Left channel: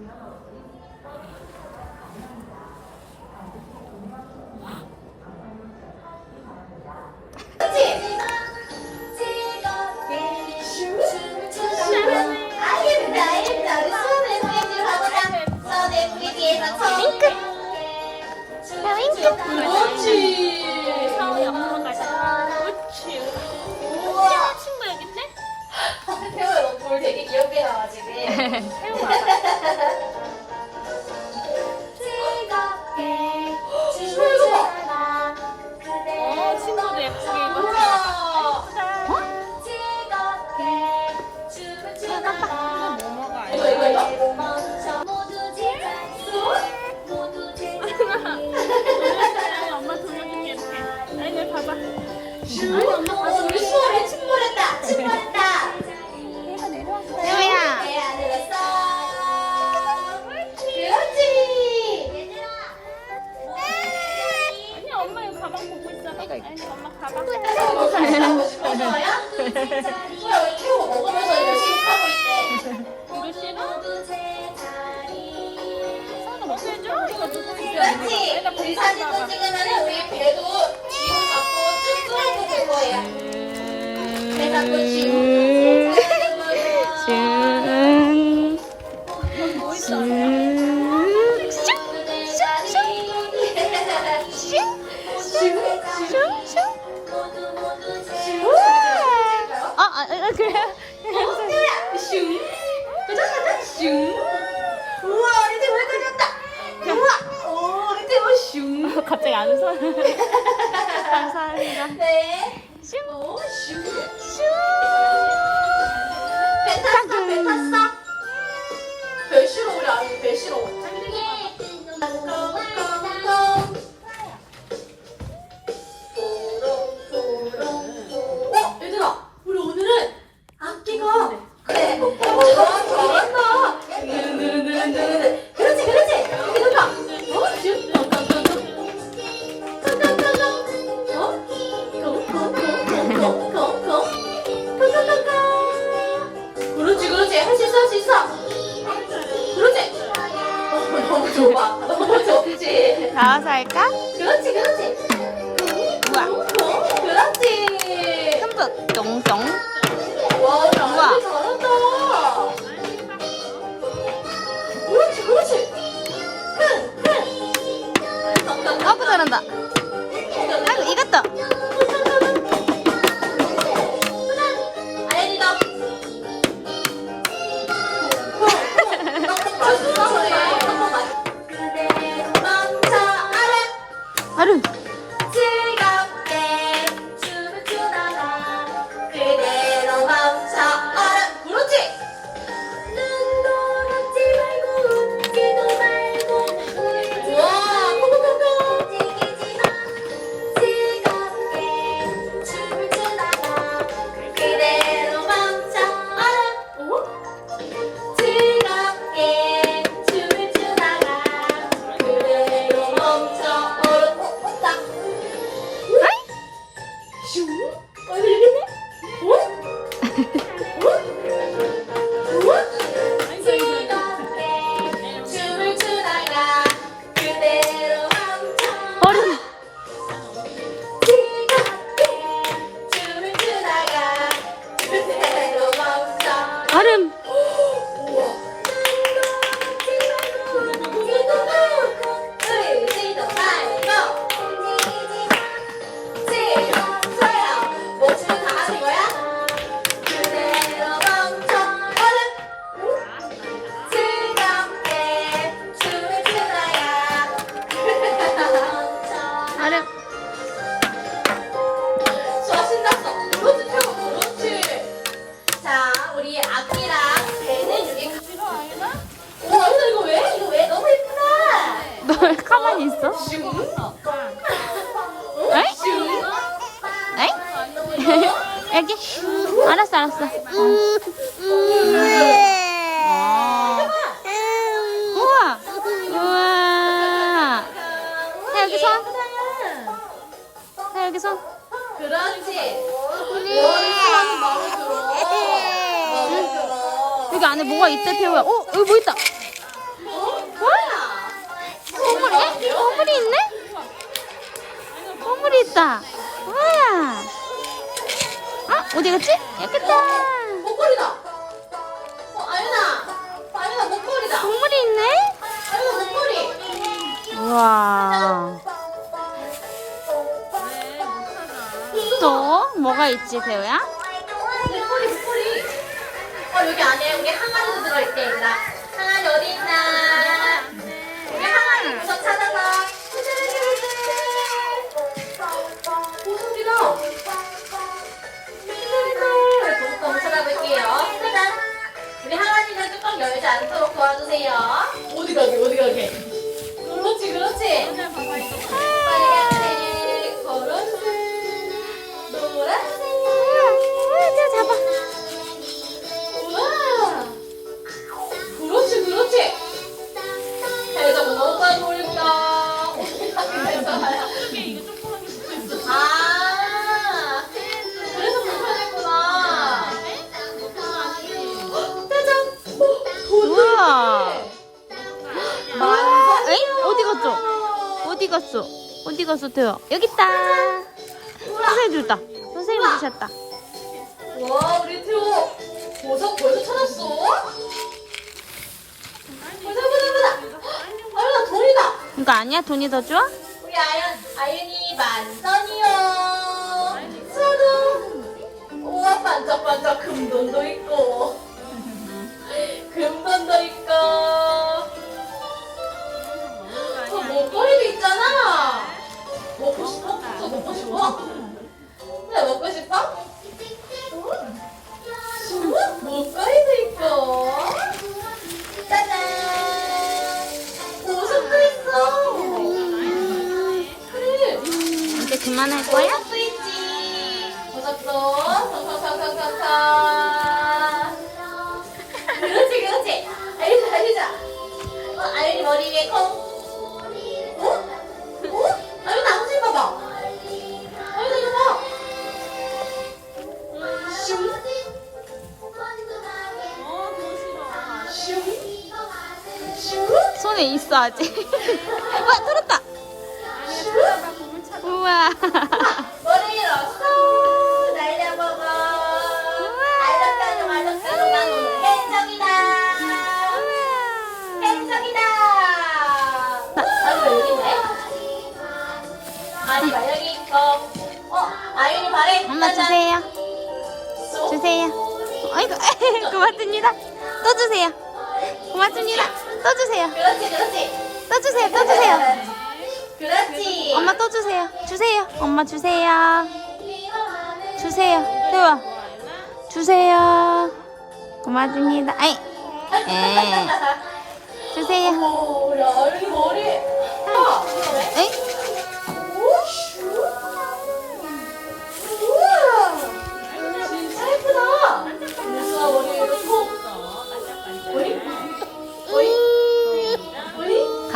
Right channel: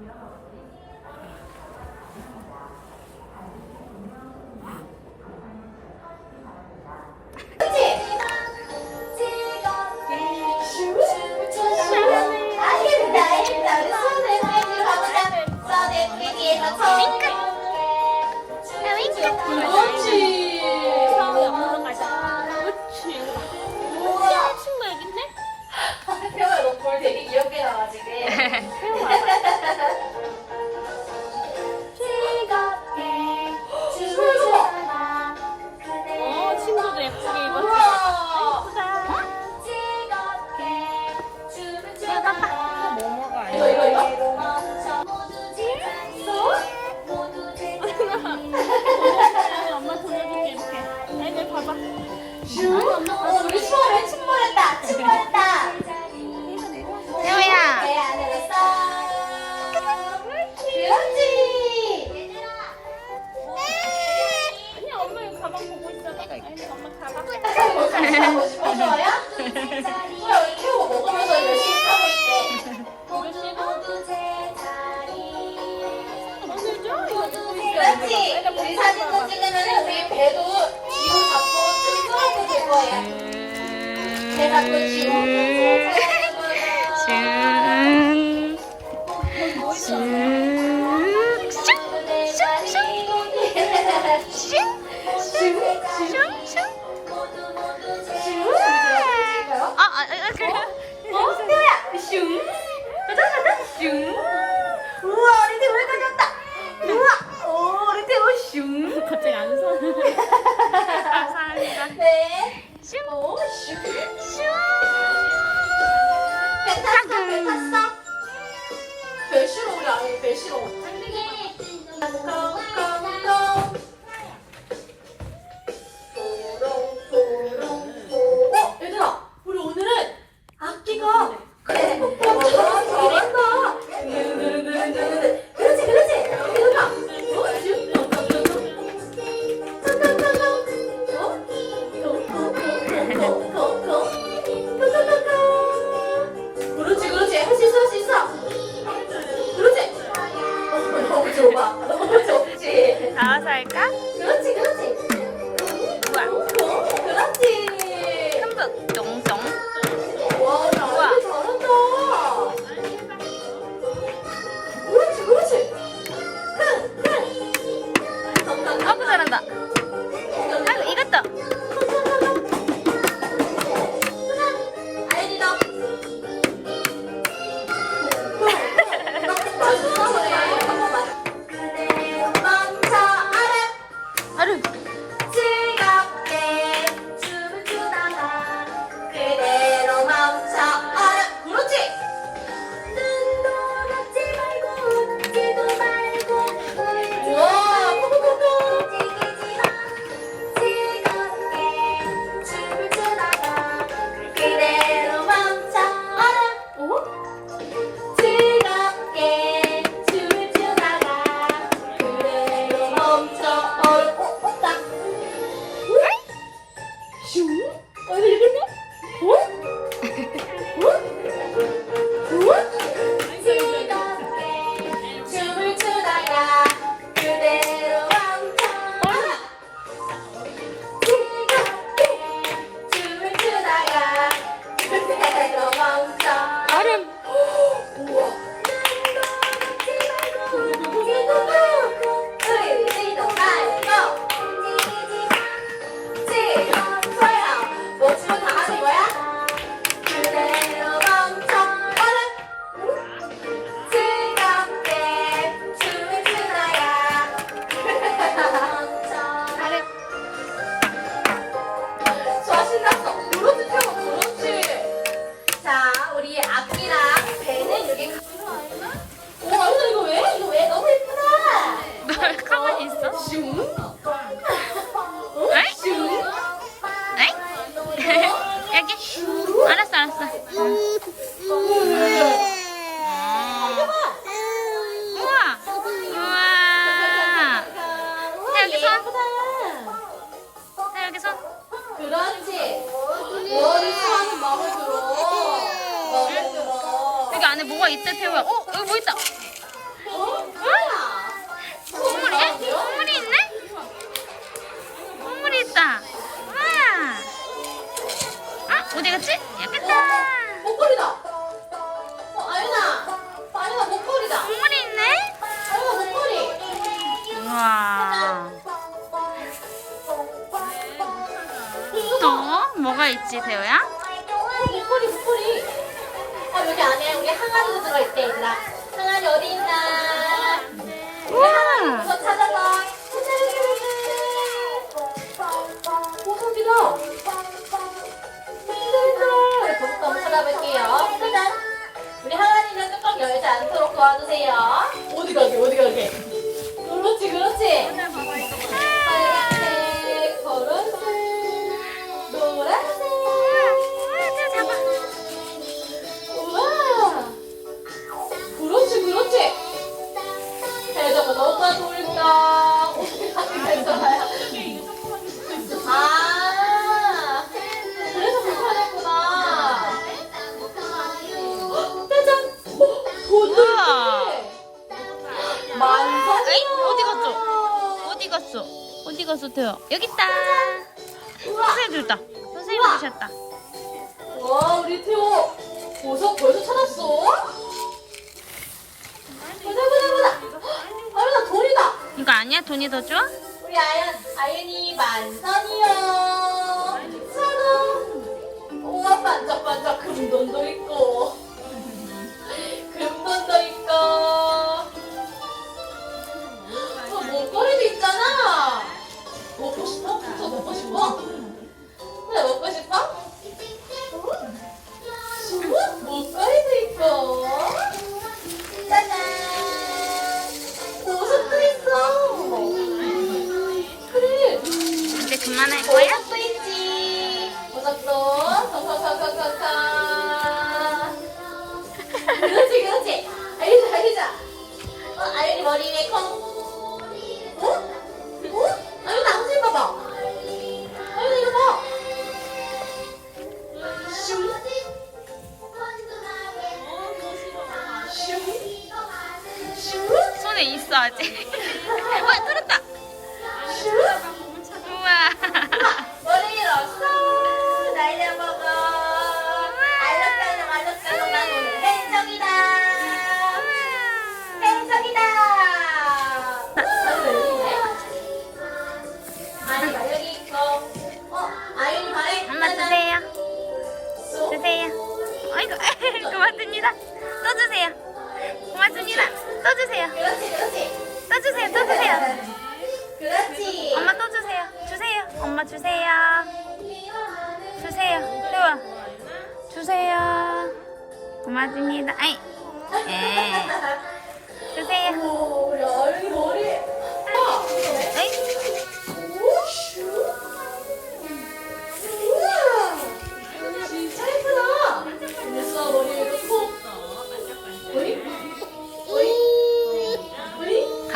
아, 되게 귀엽게 나와 지금. 모두 제자리 모두 제자리 그렇지 그 이 사진도 찍으면 우리 배도 뒤로 잡고 쭉 끌어도 될 거예요 배 잡고 뒤로 짠. 짠. 모두 모두 제자리 아, 아, 아, 그래. 어? 슈야! 슝! 슝. 우와, 우리 팀 회사졌다. 우와, 오, 우리 팀 슝. 갑자기 안 웃어. 감사합니다. 네. 슝. 오, 슝. 슝. 배 탔어, 배 탔어. 배 싫어, 우리 아니, 배 싫어. 나와서 할까? 어, 있어? 에? 에? 여기? 알았어 알았어 우와 우와 자 여기 손 자, 여기 그렇지. 네. 머리 한 마음에 들어. 여기 안에 뭐가 있대 태우야 어? 여기 뭐 있다 보물이 있다. 우와. 아 어디 갔지? 여기 있다. 목걸이다. 어, 아윤아. 아윤아, 목걸이다. 보물이 있네? 아윤아, 목걸이. 우와. 또 뭐가 있지 태우야? 목걸이, 목걸이. 어, 여기 안에 여기 항아리도 들어있대, 얘들아. 항아리 어디 있나? 우와. 저 찾아봐. 짜잔. 우리 항아리는 뚜껑 열지 않도록 도와주세요. 어디 갔어 태우? 여기 있다. 선생님 줬다. 선생님 주셨다. 와, 우리 태호 보석 벌써 찾았어? 보자, 보자, 보자. 아유나 돈이다. 이거 아니야? 돈이 더 줘? 우리 아연, 아연이 만선이요. 우와, 반짝반짝 금돈도 있고. 금돈도 있고. 저 목걸이도 있잖아. 먹고 싶어? 저 먹고 싶어? 네, 먹고 싶어? 응? 목걸이도 있고. 짜잔. 옷도 있어. 그래. 이제 그만할 거야? 손에 있어 아직. 와 들었다. 우와. 머리 길었어. 날려 먹어. 알록달록 알록달록 난 오늘 행정이다. 행정이다. 아니 여기 있네. 아니가 여기 있고. 어 아윤이 발에 엄마 주세요. 주세요. 아이고 고맙습니다. 또 주세요. 고맙습니다. 또 주세요. 그렇지 그렇지. 또 주세요. 또 주세요. 그렇지. 엄마 또 주세요. 주세요. 엄마 주세요. 주세요. 뜨와. 주세요. 고맙습니다. 아이 주세요.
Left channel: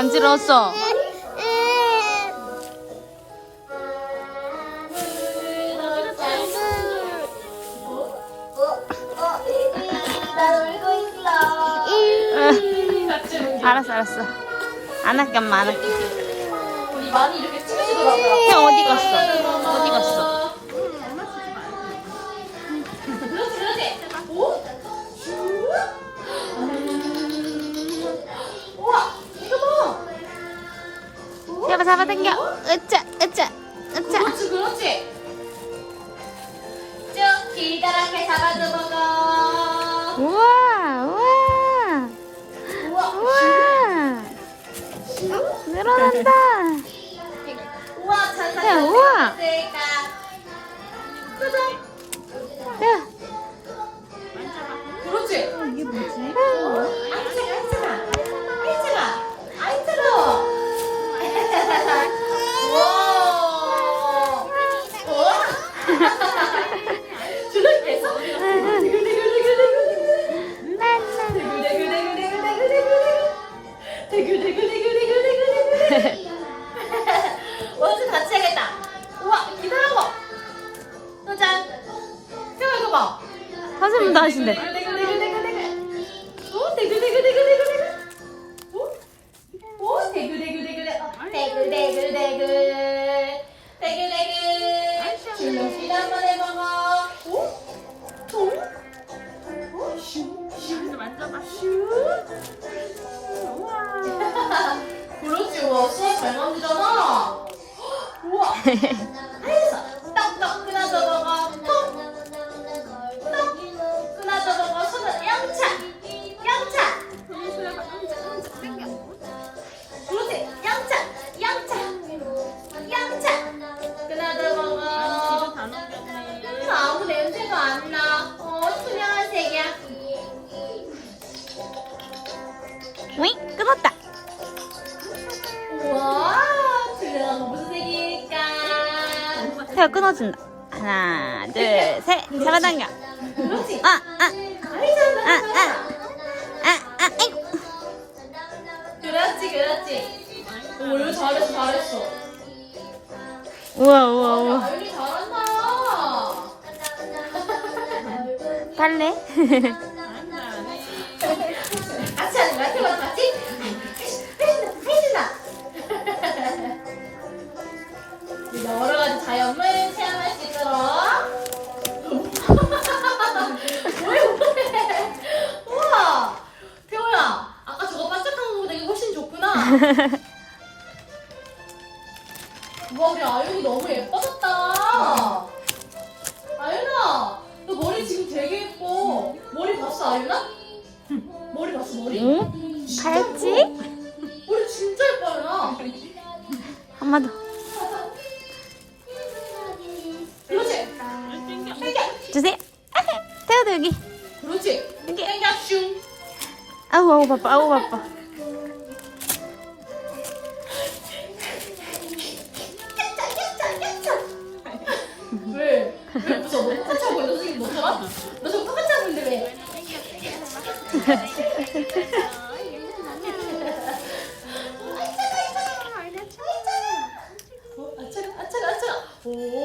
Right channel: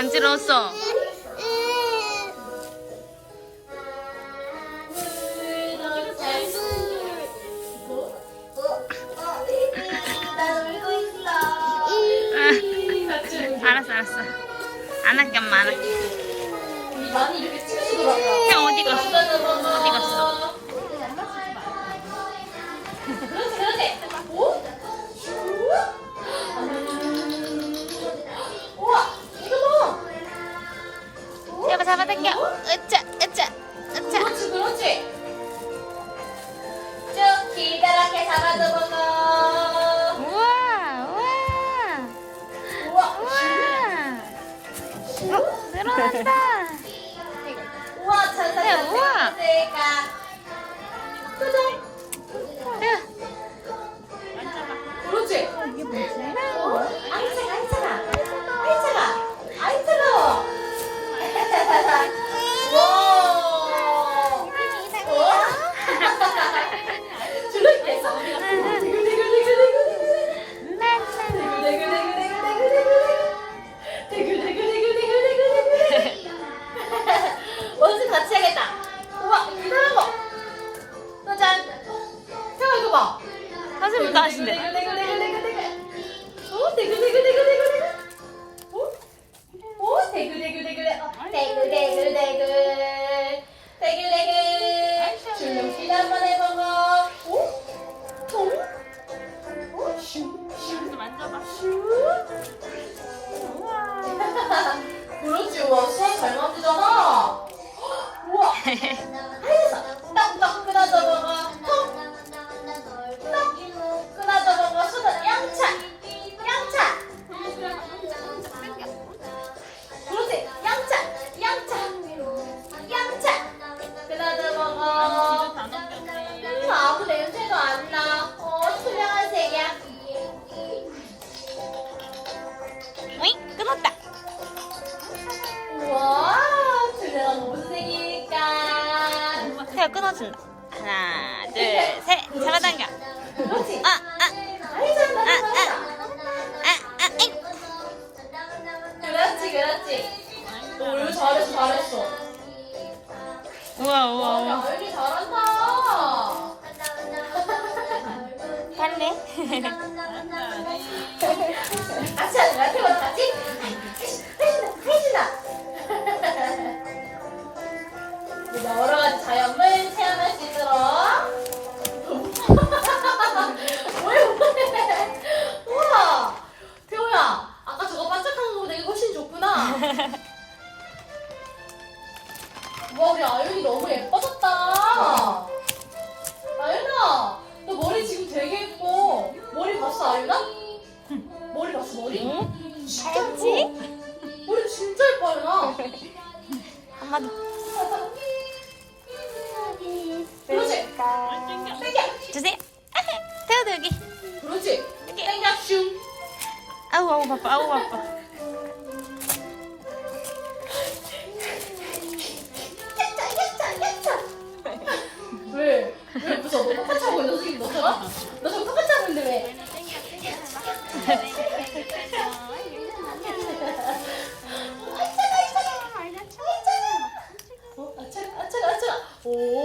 간지러웠어. 알았어 알았어. 안 할게 엄마 안 할게. 우리 많이 이렇게 춤추더라고요. 형 어디 갔어? 어디 갔어? 잡아 잡아당겨. 으짜 으짜 으짜. 그렇지, 그렇지. 쭉 기다랗게 잡아도 먹어. 우와 우와 우와. 늘어난다. 우와, 찬사, 네, 우와. 찬사, 그래. 그렇지. 이게 뭐지? 아이 차가, 아이 차가. 아이 차가. 아이 차가 원수 같이 해야겠다. 우와, 기다란 거. 짜잔. 태워 이거 봐. 선생님도 하신대. 잘 만지잖아. 우와. 태아 끊어준다. 하나, 둘, 셋. 그렇지. 아, 아, 잘한다, 잘한다. 아, 아, 잉. 그렇지, 그렇지. 오, 이거 잘했어, 잘했어. 우와, 와, 우와, 우와. 아윤이 잘한다. 할래? 같이 하는 거야, 같이? 해준다, 해준다. 여러 가지 자연물 체험할 수 있도록. 왜, 왜? 우와. 태호야, 아까 저거 반짝하는 거보다 이게 훨씬 좋구나. 와, 우리 아윤이 너무 예뻐졌다. 아윤아, 너 머리 지금 되게 예뻐. 머리 봤어, 아윤아? 머리 봤어, 머리? 응? 진짜? 예뻐. 머리 진짜 예뻐, 아윤아. 한마디. 그렇지. 당겨. 주세요. 태아도 여기. 그렇지. 당겨, 슝. 아우, 아우, 바빠, 아우, 바빠. 왜? 왜 무서워? 너 똑같이 하고 있는 선생님 너처럼? 너 저거 똑같이 하고 있는데 왜? 어, 아차가, 아차가, 아차가. 오,